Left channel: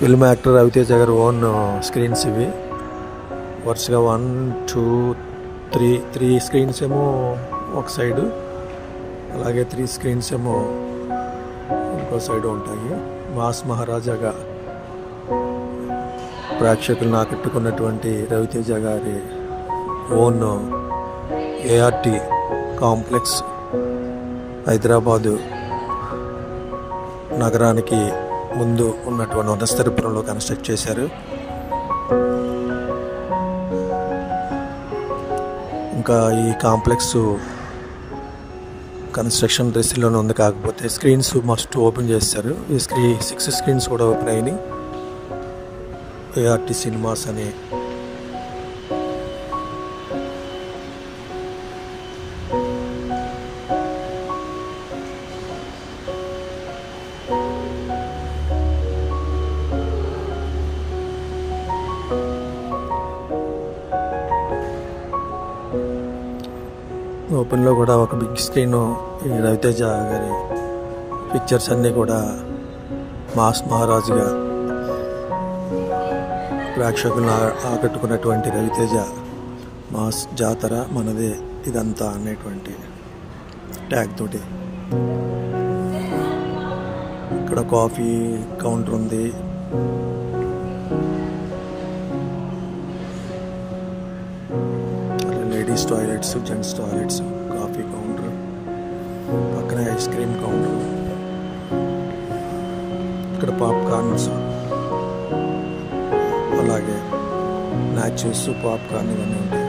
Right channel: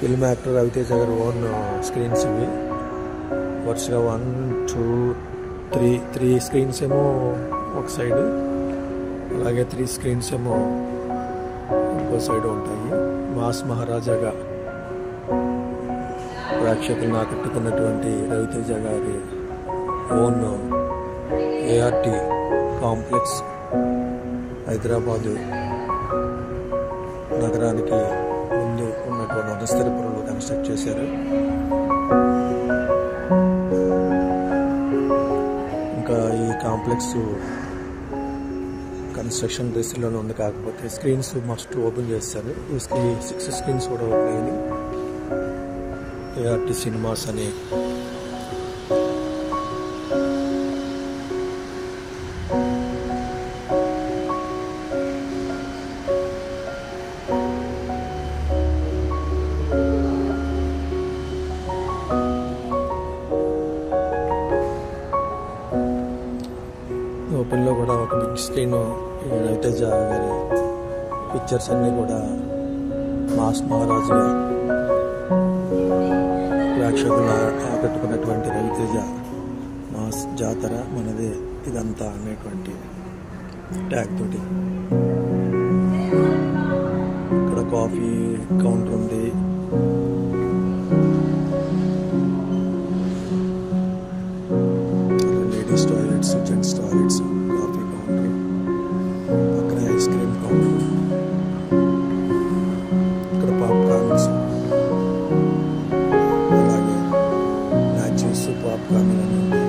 Film actor Raviteja గారు own screens ఇవి. వరుసగా 1, 2, 3 స్క్రీన్స్ ఏమో ఒక సైడు, అలాగే 3 స్క్రీన్స్ ఏమో ఇంకో సైడ్ ఉంటాయి. మాస్ మహారాజాగా ప్రేక్షకులను ఆకట్టుకున్నటువంటి రవితేజ గారి ఓన్ ఏఆర్టీ కాంప్లెక్స్ హైదరాబాదు నగరానికి ముందు ఉన్నటువంటి వనస్థలిపురంలో కన్స్ట్రక్ట్ చేశారు. ఇంకా ఈ కాంప్లెక్స్ కన్స్ట్రక్షన్ డ్రెస్లోనే ఉంది, కాకపోతే స్క్రీన్స్ మస్ట్ ఓపెన్ చేస్తారు. ఈ 6 స్క్రీన్స్ కూడా ఓపెన్ అయినాయి. ఏఆర్టీ సినిమాస్ అని ఓపెన్లో కూడా ఒక బిగ్ స్క్రీన్ రవితేజ గారి పిక్చర్స్ అన్నీ కూడా మాస్ మహారాజుగా ప్రేక్షకులను ఆకట్టుకున్నటువంటి రవితేజ మాస్ జాతర మనదే ఇదంతా అనేటువంటి ట్యాగ్ తోటి ఇక్కడ కాఫీ కౌంటర్ ఉంది. Ladies toilets, gents toilets, coffee counter, పక్కన ఐస్ క్రీమ్ కౌంటర్, ఇక్కడ పాప్కార్న్స్, అలాగే మ్యాచెస్, పాప్కార్న్ ఇవన్నీ ఉంటాయి.